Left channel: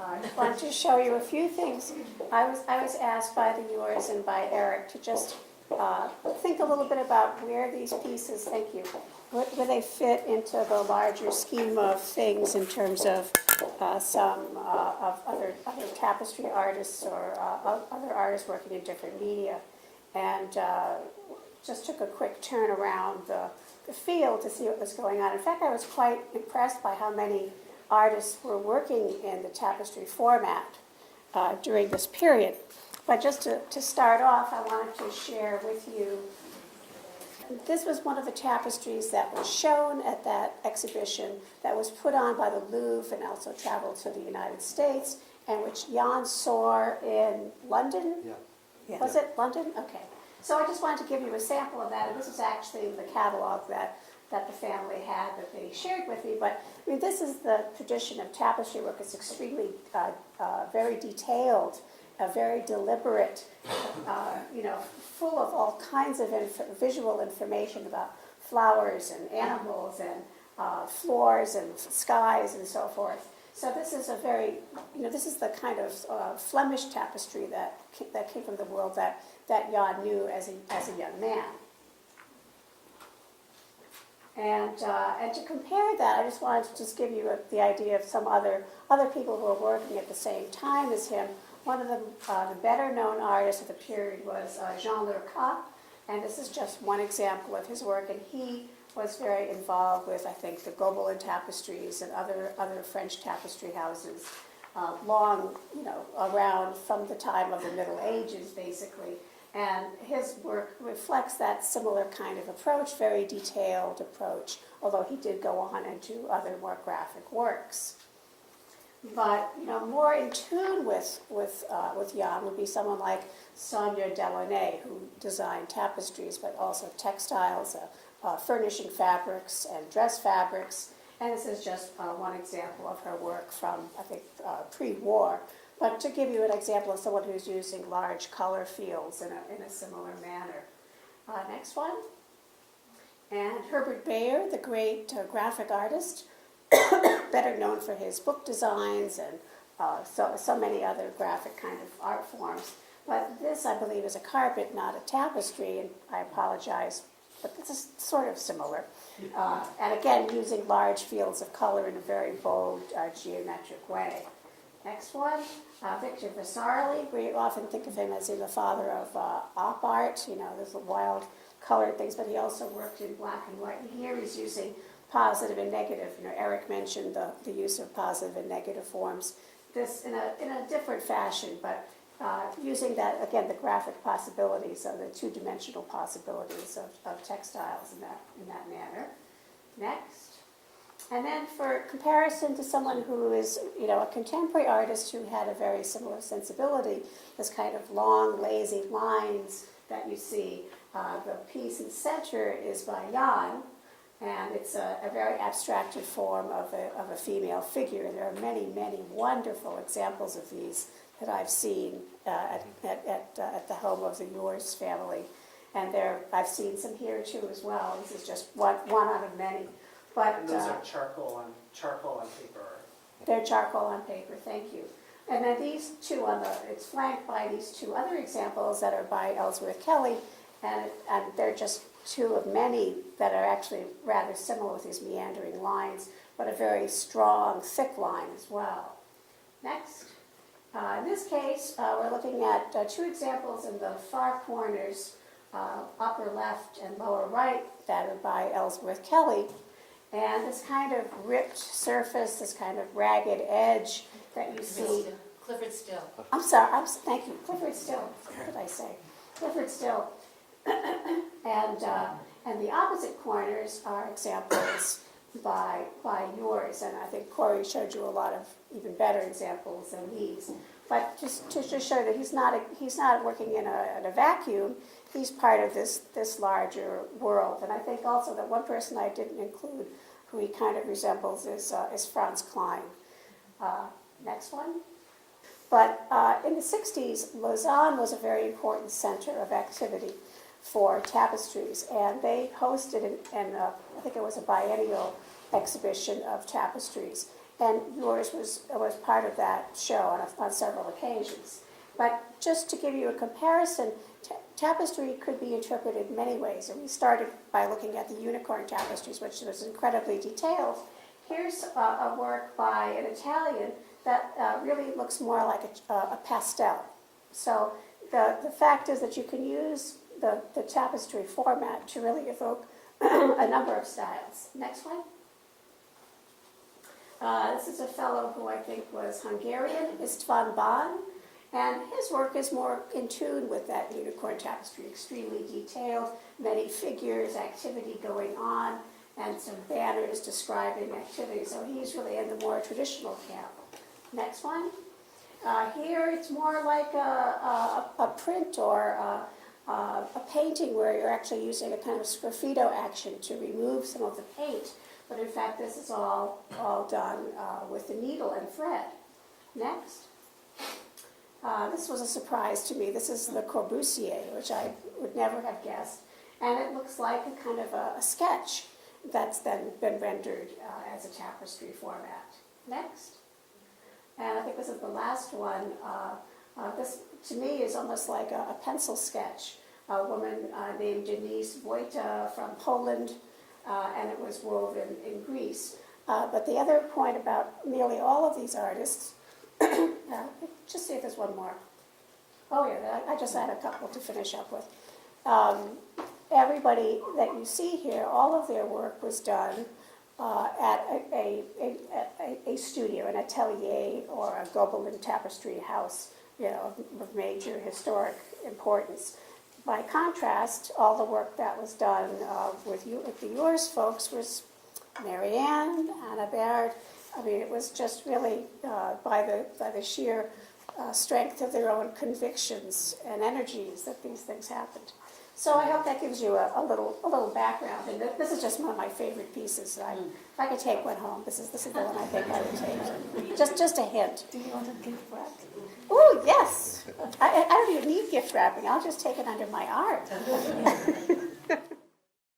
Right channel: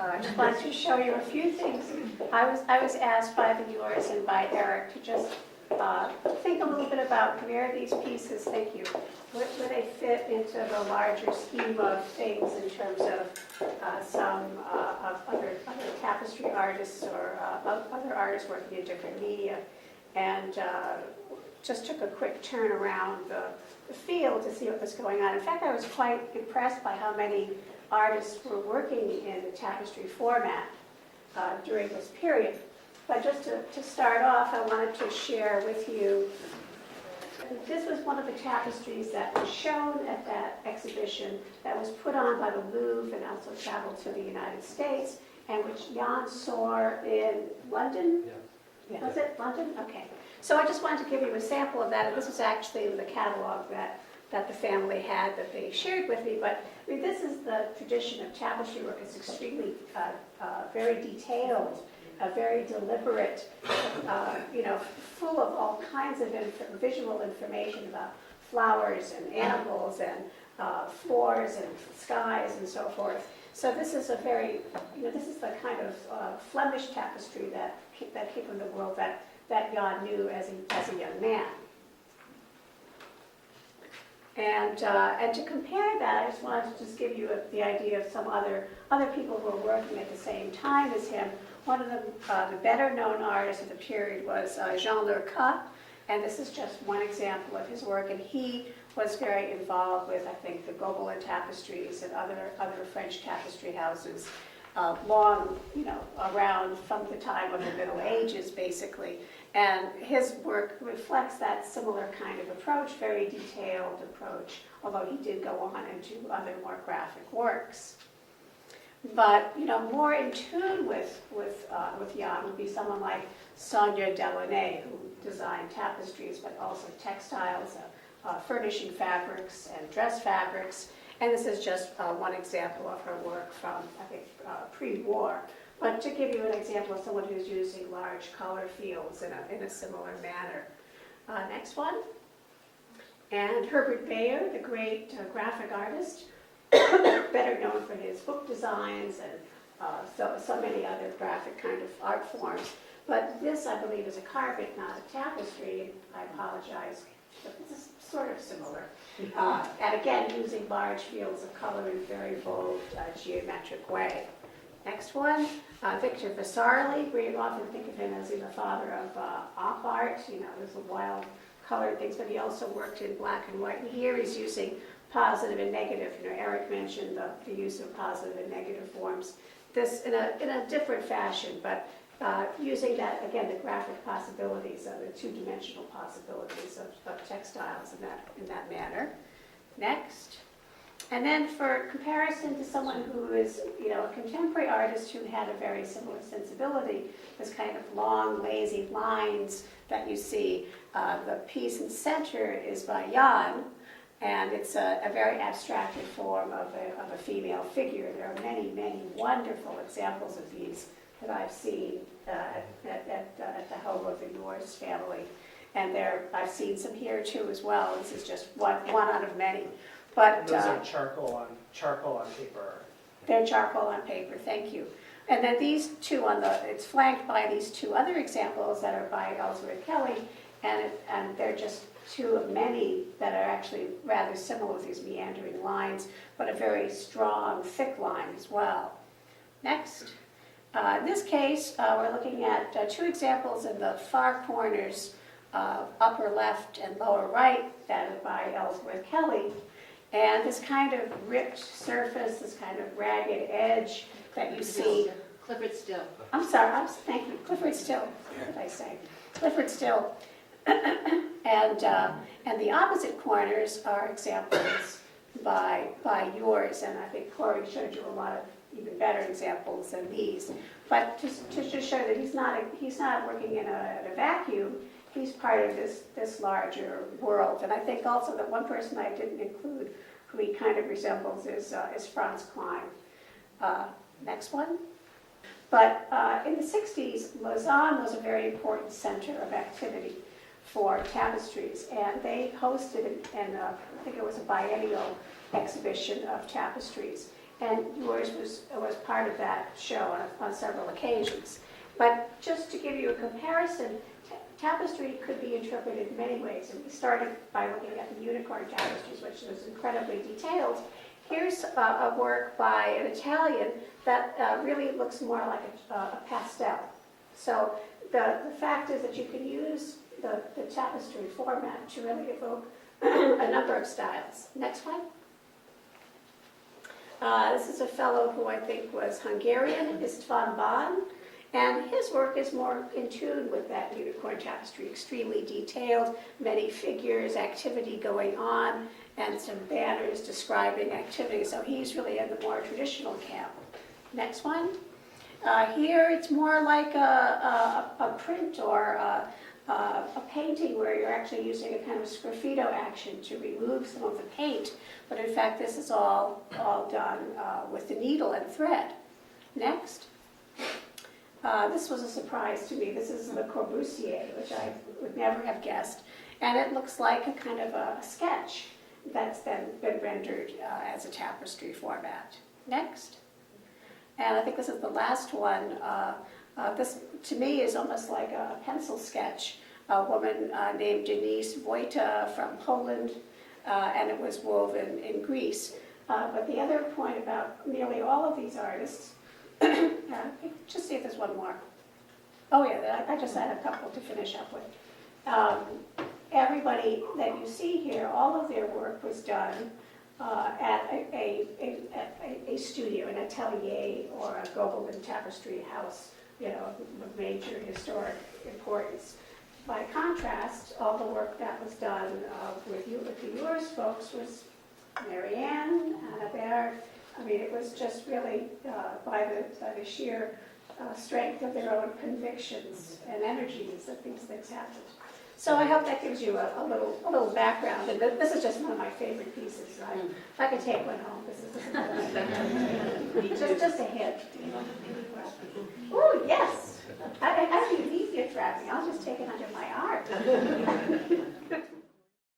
I just wanted to show you a few things. I was asked by the Yoors and by Eric to just think a little bit about where these pieces, thank you, where they fit into the larger scheme of things in terms of some of other tapestry artists or other artists working in different media. And just took a quick turn around the field to see what was going on. In fact, I was quite impressed by how many artists were working in the tapestry format during this period. But just to start off, I wanted to share with you, this was one of the tapestries that was shown at that exhibition that was put on by the Louvre and also traveled to the United States, and which Jan saw in London. Yeah. Was it London? Okay. So I just wanted to give you a sample of that. This is actually in the catalog that the family had that they shared with me. But I mean, this is the tradition of tapestry work. It's extremely, very detailed, very deliberate, full of all kinds of visual information about flowers and animals and floors and skies and so forth. So this is a very, this is the kind of Flemish tapestry that came from the world that Jan knew as a young man. And to compare that, I just wanted to just give you the idea of some other people who were working at the same time as him. One of the better known artists of the period was Jean Lurca, and this is just one example of his work. And he was very involved with, I think, the Gobelin tapestries and other French tapestry houses, long, around from the time of the Middle Ages, basically. And his work reflects that similar kind of approach, very detailed approach, although he did go on and do other more graphic works. But more in tune with Jan would be someone like Sonia Delaunay, who designed tapestries, but also textiles, furnishing fabrics and dress fabrics. And this is just one example of her work from, I think, pre-war. But to give you an example of someone who's using large color fields in a similar manner. Next one. And Herbert Bayer, the great graphic artist, better known for his book designs and so many other graphic kind of art forms. But this, I believe, is a carpet, not a tapestry. I apologize, but this is sort of similar. And again, using large fields of color in a very bold, geometric way. Next one, Victor Vasarely. We often think of him as the father of op art. There's a wild colored things, but he also worked in black and white. And here he's using positive and negative. Eric mentioned the use of positive and negative forms. This in a different fashion, but using that, again, the graphic possibilities of the two-dimensional possibilities of textiles in that manner. Next. And then for comparison to someone who is, a contemporary artist who had a very similar sensibility, this kind of long, lazy lines that you see, the piece in the center is by Jan, and it's a very abstracted form of a female figure. There are many, many wonderful examples of these that I've seen at the home of the Yoors family. And I've seen some here too as well. This is just one out of many. But and those are charcoal on paper. They're charcoal on paper, thank you. And then these two it's flanked by these two other examples that are by Ellsworth Kelly, and they're just two of many that are actually rather similar with these meandering lines, but a very strong, thick line as well. Next. In this case, we're looking at two examples in the far corners, upper left and lower right, that are by Ellsworth Kelly. And this kind of ripped surface, this kind of ragged edge that you see. Clifford Still. I'm sorry, thank you. Clifford Still, what did I say? Clifford Still. And the opposite corners are examples by Yoors. And I think Corey showed you a lot of even better examples than these. But just to show that he's not working in a vacuum. He's part of this larger world. And I think also that one person I didn't include who he kind of resembles is Franz Klein. Next one. But in the 60s, Lausanne was a very important center of activity for tapestries. And they hosted, I think it was a biennial exhibition of tapestries. and Yours was part of that show on several occasions. But just to give you a comparison, tapestry could be interpreted in many ways, and we started by looking at the unicorn tapestries, which was incredibly detailed. Here's a work by an Italian that really looks more like a pastel. So the fact is that you can use the tapestry format to really evoke a number of styles. Next one. This is a fellow who I think was Hungarian, István Ban, and his work is more in tune with that unicorn tapestry, extremely detailed, many figures, activity going on, and some banners describing activity. So he's really in the more traditional camp. Next one. Here it's more like a print or a painting where you're actually using a kind of sgraffito action to remove some of the paint. But in fact, this is all done with the needle and thread. Next. This was a surprise to me. This is Le Corbusier, which I would never have guessed. And it looks like a kind of a sketch that's then been rendered as a tapestry format. Next. And I think this is the last one. This, to me, is almost like a pencil sketch. A woman named Denise Wojta from Poland, and it was woven in Greece. But the other point about nearly all of these artists, just see if there's one more. Oh yeah, I just had a couple to finish up with. Everybody that you see here, all of their work was done at a studio, an atelier, or a Gobelin tapestry house, of major historic importance. By contrast, all the work that was done with the Yoors folks was Marianne, Anna Baird. I mean, it was just really by the sheer strength of their own convictions and energies that these things happened. So I hope that gives you a little background. And this is just one of my favorite pieces. So if I could take one home, this is the one I think I would take. Just a hint. Do you want to gift wrap? Oh yes. I don't even need gift wrapping. I'll just take it under my arm.